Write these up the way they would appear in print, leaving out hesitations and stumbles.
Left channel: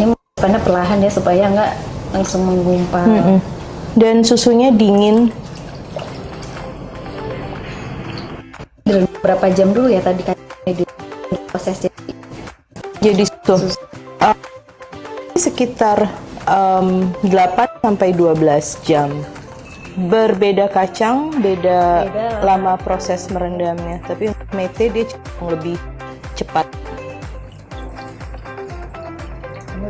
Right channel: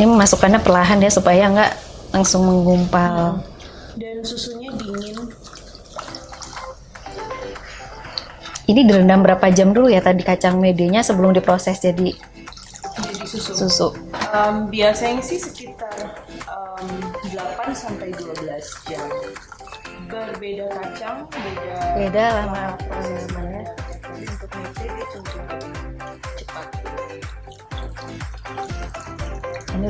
Ini memasukkannya perlahan ya supaya nggak langsung menggumpal. Dan susunya dingin. Ini direndam berapa jam dulu ya tadi kacang medenya sebelum diproses jadi susu? Biasanya sih sekitar 8 sampai 12 jam. Berbeda kacang, beda lama proses merendamnya. Tapi untuk mete dia lebih cepat.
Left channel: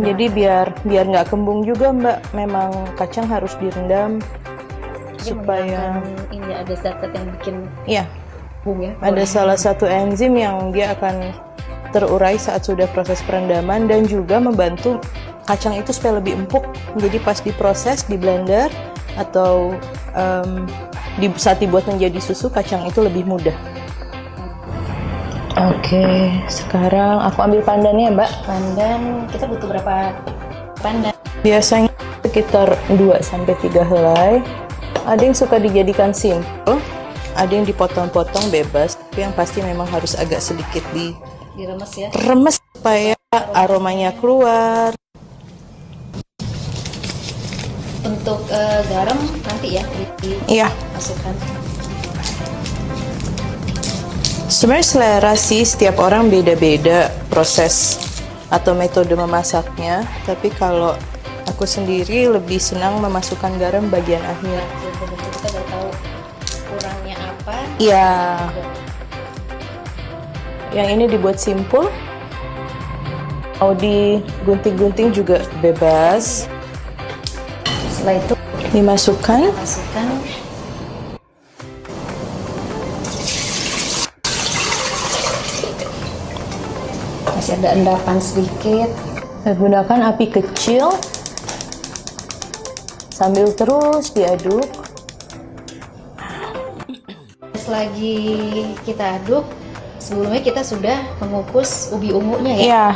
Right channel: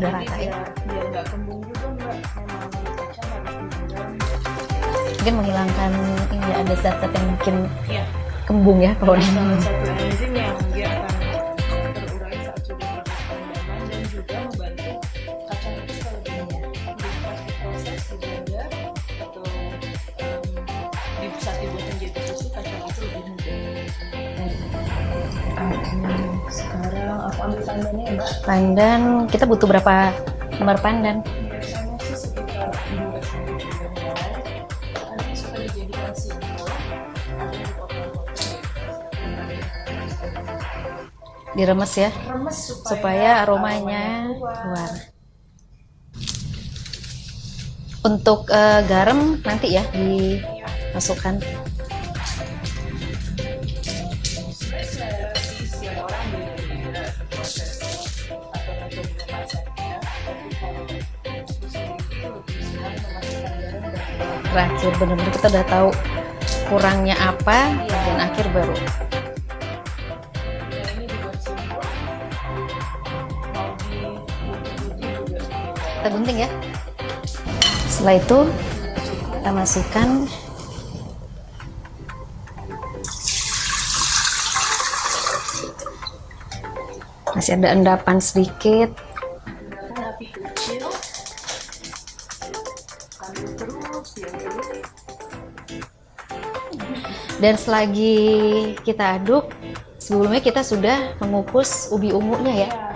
Jadi biar nggak kembung juga Mbak, memang kacang harus direndam. Mungkin menggunakan ini ada zat-zat yang bikin kembung ya. Ada salah satu enzim yang dia akan terurai saat sudah proses perendaman dan juga membantu kacang itu supaya lebih empuk. Jadi pas diproses di blender atau saat dibuat menjadi susu, kacang itu lebih mudah. Oke, sekarang aku ambil pandannya Mbak. Pandan, kita butuh berapa lembar pandan? Biasanya sekitar 2-3 helai. Ada yang suka dijadikan simple, ada yang dipotong-potong bebas, tapi yang pasti memang harus agak sedikit diremes ya. Remes supaya aromanya keluar. Untuk garam nanti ya dimasukkan. Sebenarnya selera sih, setiap orang beda-beda proses atau metode memasaknya. Tapi kalau aku sendiri lebih senang memasukkan garam bagian akhir. Benar-benar kita udah tahu kurangnya apa, bagian akhir baru. Yang ini dibuat simple. Mau digunting-gunting juga bebas. Gunting ya. Setelah itu dimasukkan. Masih ada endapan sedikit. Gunakan api kecil sambil terus diaduk. Dan selagi kita aduk, sebelumnya kita sudah mengukus ubi ungunya ya. Iya.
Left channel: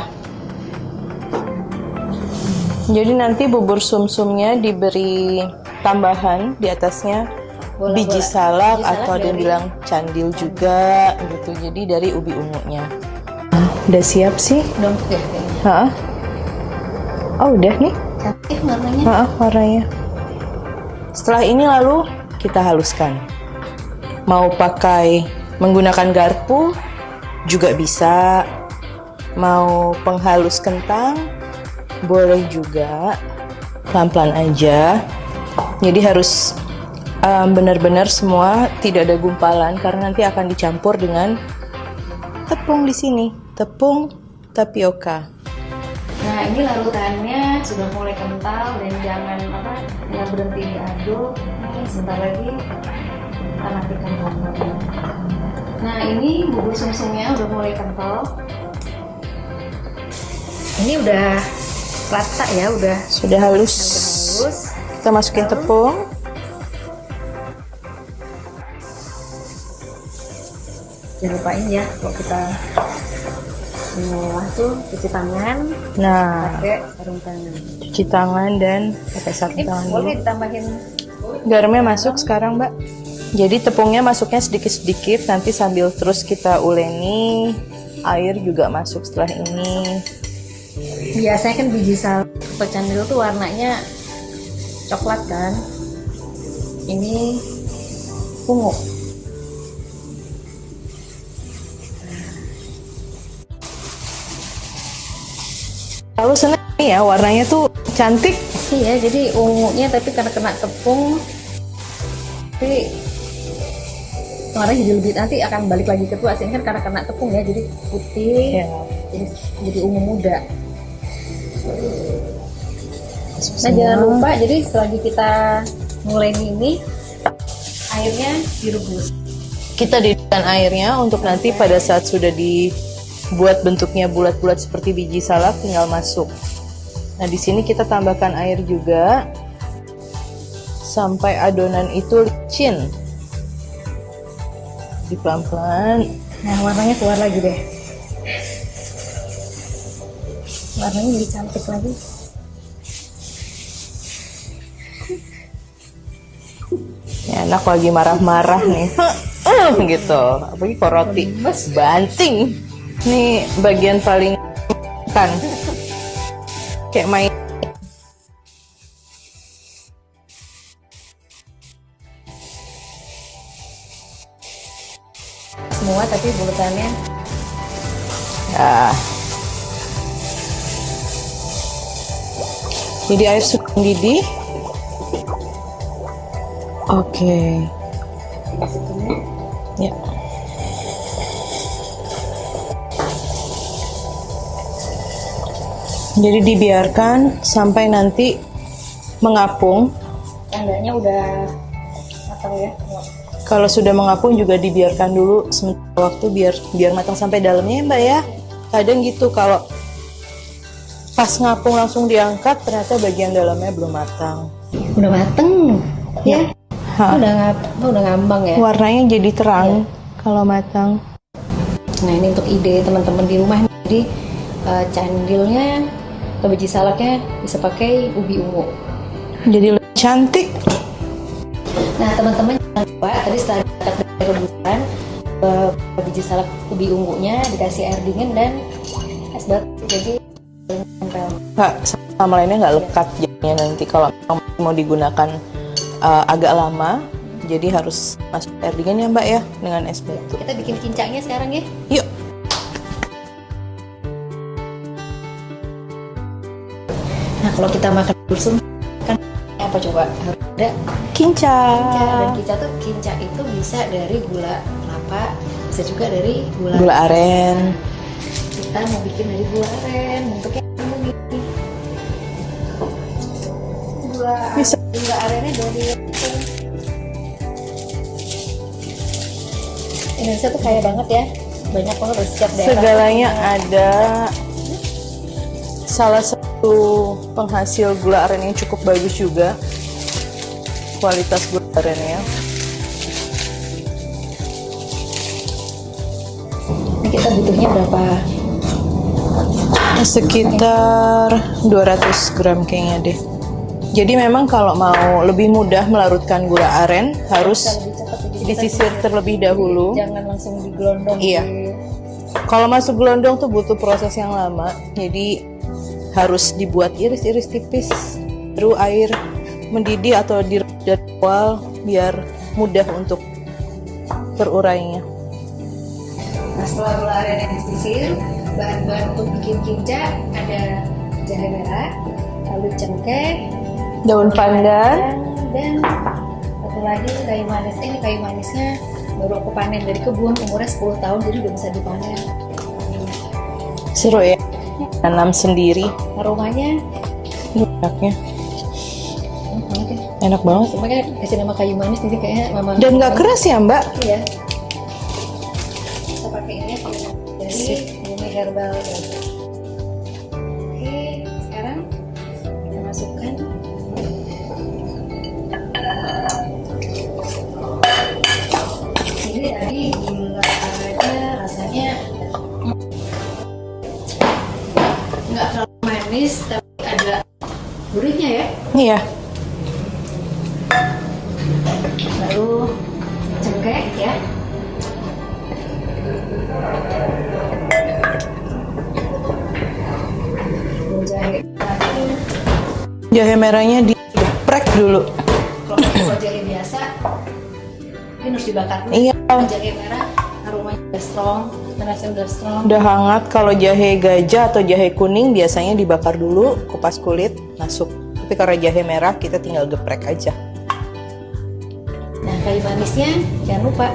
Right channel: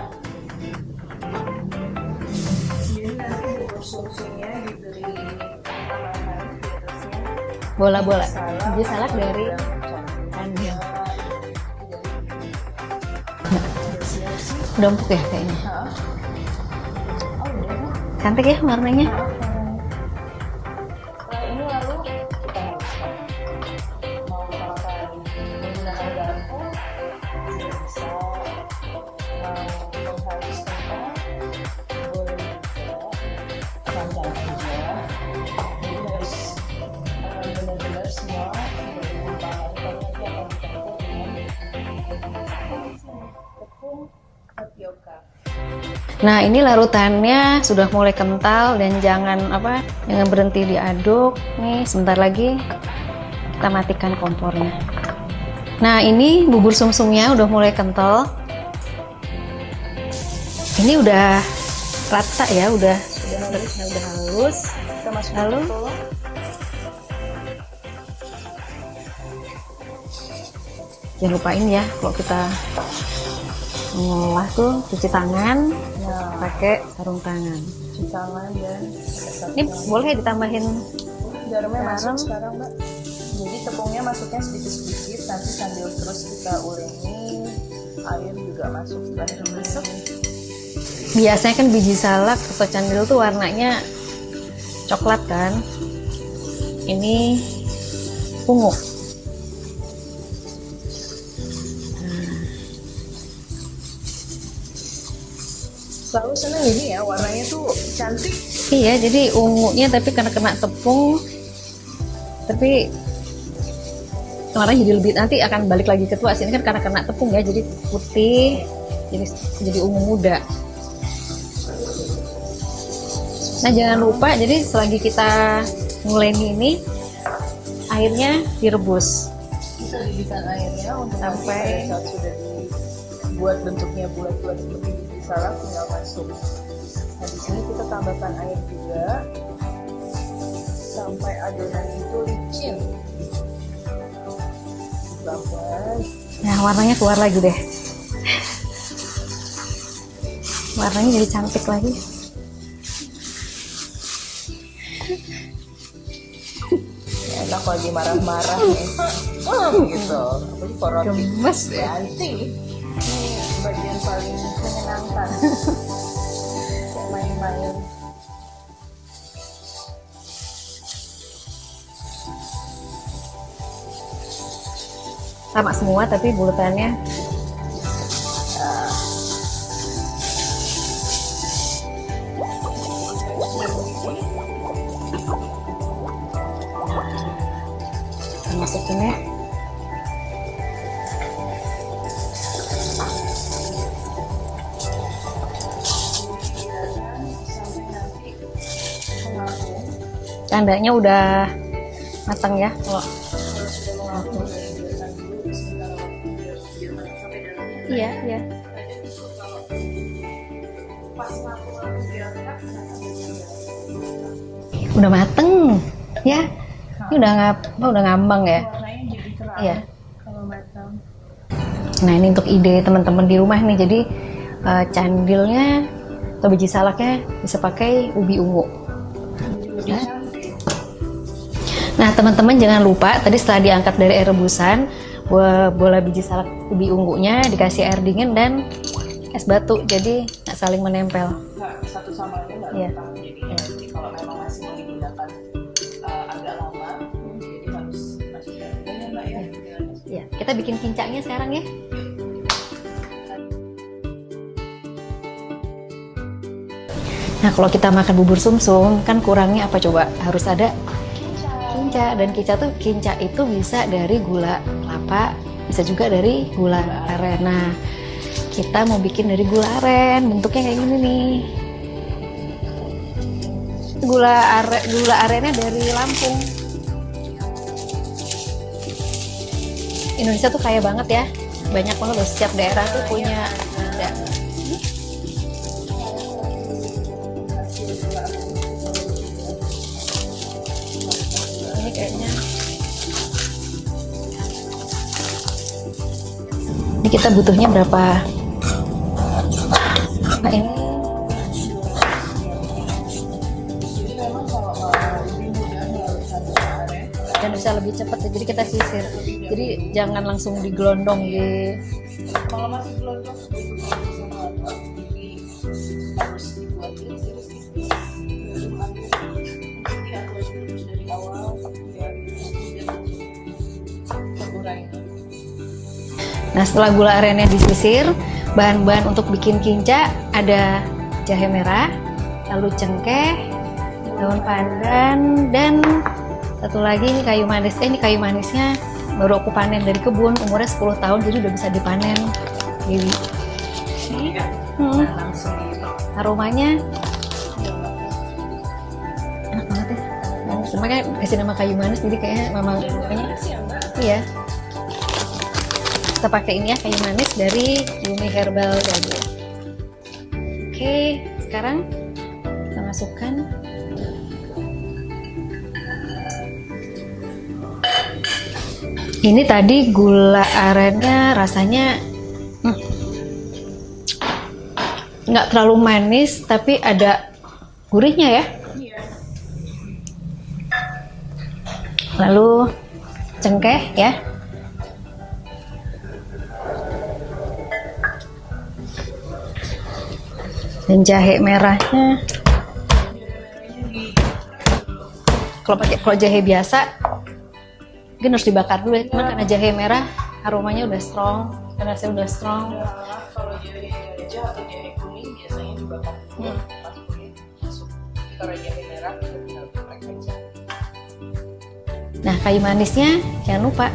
Jadi nanti bubur sumsumnya diberi tambahan di atasnya biji salak atau dia bilang candil juga gitu. Jadi dari ubi ungunya. Nah, udah siap sih? Udah empuk ya? Oh udah nih. Cantik ya warnanya? Warnanya. Setelah ini lalu kita haluskan. Mau pakai menggunakan garpu juga bisa. Mau penghalus kentang boleh juga. Pelan-pelan aja. Jadi harus benar-benar semua tidak ada gumpalan karena nanti akan dicampur dengan tepung di sini, tepung tapioka. Nah, ini larutannya sudah mulai kental dan jangan berhenti diaduk. Nih, sebentar lagi kita matikan kompornya. Nah, ini bubur sumsumnya udah mulai kental. Ini udah rata ya, sudah halus. Kita masukin tepung. Jangan lupain ya kalau kita mengolah tuh cuci tangan, pakai sarung tangan. Cuci tangan dan pakai sarung tangan. Boleh ditambahin garamnya masuk sekarang Mbak. Jadi tepungnya masuknya sedikit-sedikit, nanti sambil terus kita uleni, air juga masuk setelah ini. Biasanya kan biji salak atau candil tuh warnanya coklat kan. Ini ungu. Selalu seneng ini ya, warnanya tuh cantik. Iya, jadi ungunya tapi karena kena tepung, tapi warnanya jadi lebih, nanti akan balik lagi ke tua. Ini kan karena kena tepung ya, jadi putih, jadi ungu muda. Nah, jangan lupa, jadi selagi kita nguleni ini, airnya direbus. Kita didihkan airnya untuk nanti pada saat sudah dibuat bentuknya bulat-bulat seperti biji salak tinggal masuk. Nah, di sini kita tambahkan air juga sampai adonan itu licin. Pelan-pelan. Nah, warnanya keluar lagi deh. Warnanya jadi cantik lagi. Ya, anak lagi marah-marah nih. Gitu. Apalagi kok roti banting. Ini bagian paling kan. kayak main-main. Sama semua tapi bulatannya. Ya. Jadi air sudah mendidih. Oke. Masukin ya. Ya. Jadi dibiarkan sampai nanti mengapung. Tandanya udah matang ya. Kalau sudah mengapung juga dibiarkan dulu sementara waktu biar matang sampai dalamnya ya Mbak ya. Iya. Kadang gitu kalau pas ngapung langsung diangkat ternyata bagian dalamnya belum matang. Udah mateng ya. Ha. Udah ngambang ya. Warnanya jadi terang Iya. kalau matang. Nah ini untuk ide teman-teman di rumah nih. Jadi candilnya atau biji salaknya bisa pakai ubi ungu. Jadi lebih cantik. Nah teman-teman jangan lupa tadi setelah diangkat dari air rebusan, bola biji salak ubi ungunya dikasih air dingin dan es batu, jadi nggak saling menempel. Nggak, sama lainnya nggak lekat jadinya nanti kalau memang masih mau digunakan agak lama. Jadi harus masuk air dingin ya Mbak ya dengan es batu. Kita bikin kincangnya sekarang ya. Yuk. Nah kalau kita makan bubur sumsum kan kurangnya apa coba? Harus ada Kinca. kinca, dan kinca itu bisa dari gula kelapa, bisa juga dari gula aren. Nah, kita mau bikin dari gula aren, bentuknya kayak gini nih. Gula arennya dari Lampung. Indonesia tuh kaya banget ya, banyak banget loh, setiap daerah. Segalanya punya. ada. Salah satu penghasil gula aren yang cukup bagus juga kualitas gula arennya. Ini kita butuhnya berapa? Sekitar 200 gram kayaknya deh. Jadi memang kalau mau lebih mudah melarutkan gula aren harus Bisa lebih cepat, jadi kita disisir terlebih dahulu. Jadi, jangan langsung digelondong. Iya. Kalau masuk gelondong tuh butuh proses yang lama. Jadi harus dibuat iris-iris tipis, baru air mendidih atau dari awal biar mudah untuk terurainya. Nah setelah gula arennya disisir, bahan-bahan untuk bikin kinca ada jahe merah, lalu cengkeh, Daun pandan, dan satu lagi ini kayu manis. Ini kayu manisnya baru aku panen dari kebun, umurnya 10 tahun jadi udah bisa dipanen. Jadi seru ya, tanam sendiri. aromanya Enaknya, enak banget. makanya kasih nama kayu manis, jadi kayaknya memang Dan nggak keras ya Mbak? Iya. Kita pakai ini ya, kayu manis dari Bumi Herbal Garden. Oke, sekarang kita masukkan ini tadi gula arennya rasanya nggak terlalu manis tapi ada gurihnya ya. Iya. Lalu cengkeh ya. Dan jahe merahnya. Jahe merahnya digeprek dulu. Kalau jahe biasa mungkin harus dibakar dulu. Iya. Cuman karena jahe merah aromanya udah strong, rasanya udah strong. Udah hangat. Kalau jahe gajah atau jahe kuning biasanya dibakar dulu, kupas kulit, masuk. Tapi karena jahe merah kita tinggal geprek aja. Nah, kayu manisnya jangan lupa.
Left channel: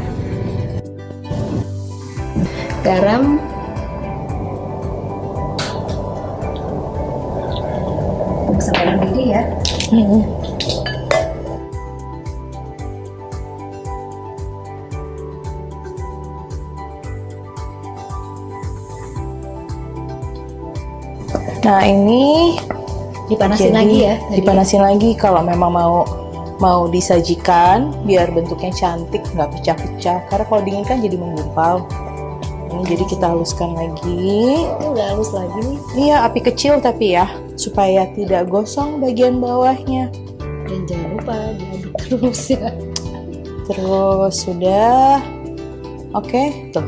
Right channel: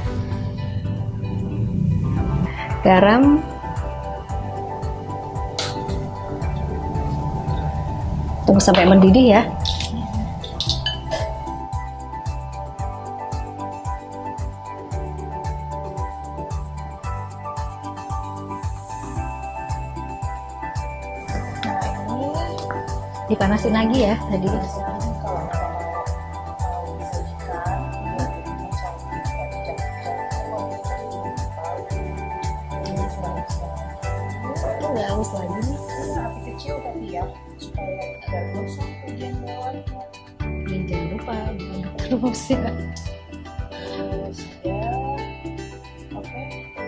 Garam. Tunggu sampai mendidih ya. Nah ini Dipanasin jadi lagi ya. dipanasin lagi kalau memang mau disajikan biar bentuknya cantik, nggak pecah-pecah. Karena kalau dingin kan jadi menggumpal. Ini jadi kita haluskan lagi. Udah halus lagi nih. Iya, api kecil tapi ya supaya tidak gosong bagian bawahnya. Dan jangan lupa diaduk terus ya. Terus sudah, oke, tuh.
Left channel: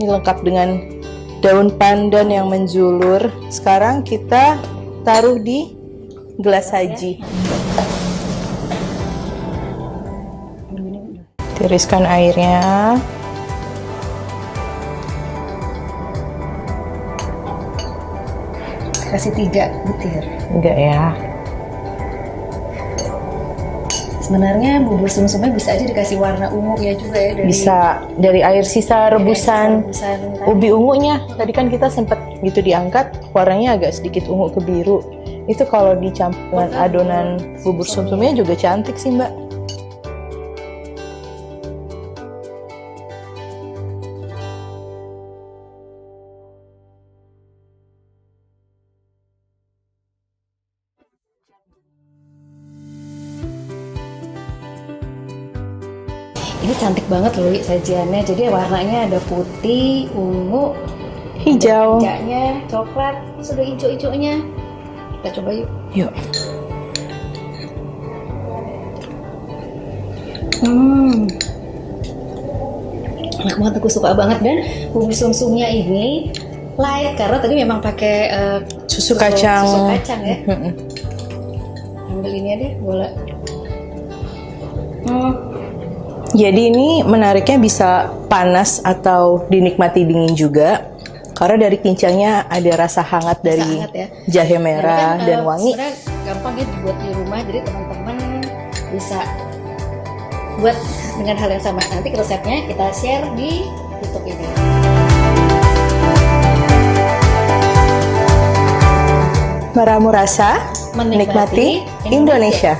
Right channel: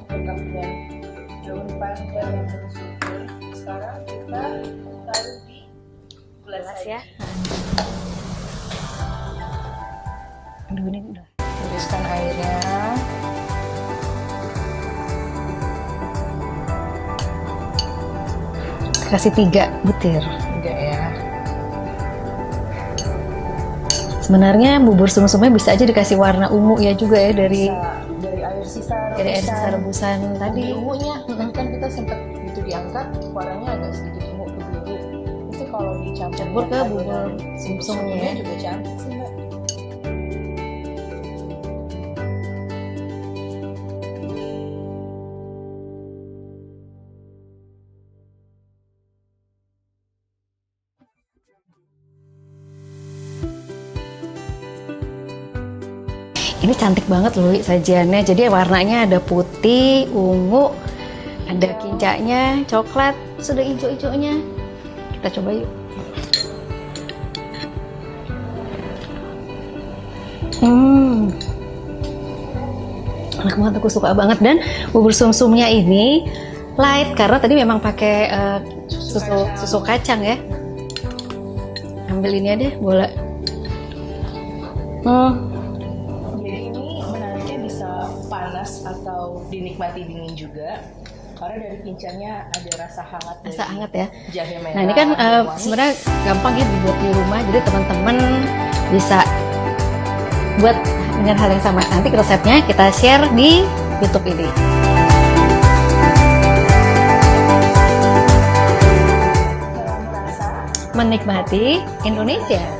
Ini lengkap dengan daun pandan yang menjulur. Sekarang kita taruh di gelas saji. Tiriskan airnya. Kasih 3 butir. Enggak ya. Sebenarnya bubur sumsumnya bisa aja dikasih warna ungu ya juga ya dari Bisa dari air sisa rebusan rebusan ubi ungunya. Tadi kan kita sempat gitu diangkat, warnanya agak sedikit ungu ke biru. Itu kalau dicampur dengan adonan bubur sumsumnya juga cantik sih, Mbak. Ini cantik banget loh sajiannya. Jadi warnanya ada putih, ungu, Hijau. ada hijaunya, coklat, sudah hijau-hijaunya. Kita coba yuk. Yuk. Enak banget, aku suka banget. Dan bubur sumsumnya ini light karena tadi memang pakai Susu kacang. Susu kacang ya. Ambil ini deh, bola. Jadi ini menariknya bisa panas atau dinikmati dingin juga. Karena dari kincangnya ada rasa hangat dari Hangat ya. jahe Nah, merah ini kan dan wangi. sebenarnya gampang ya dibuat di rumah. Jadi teman-teman bisa buat dengan hal yang sama. Nanti resepnya kita share di YouTube ini. Meramu rasa, Menikmati menikmati Indonesia.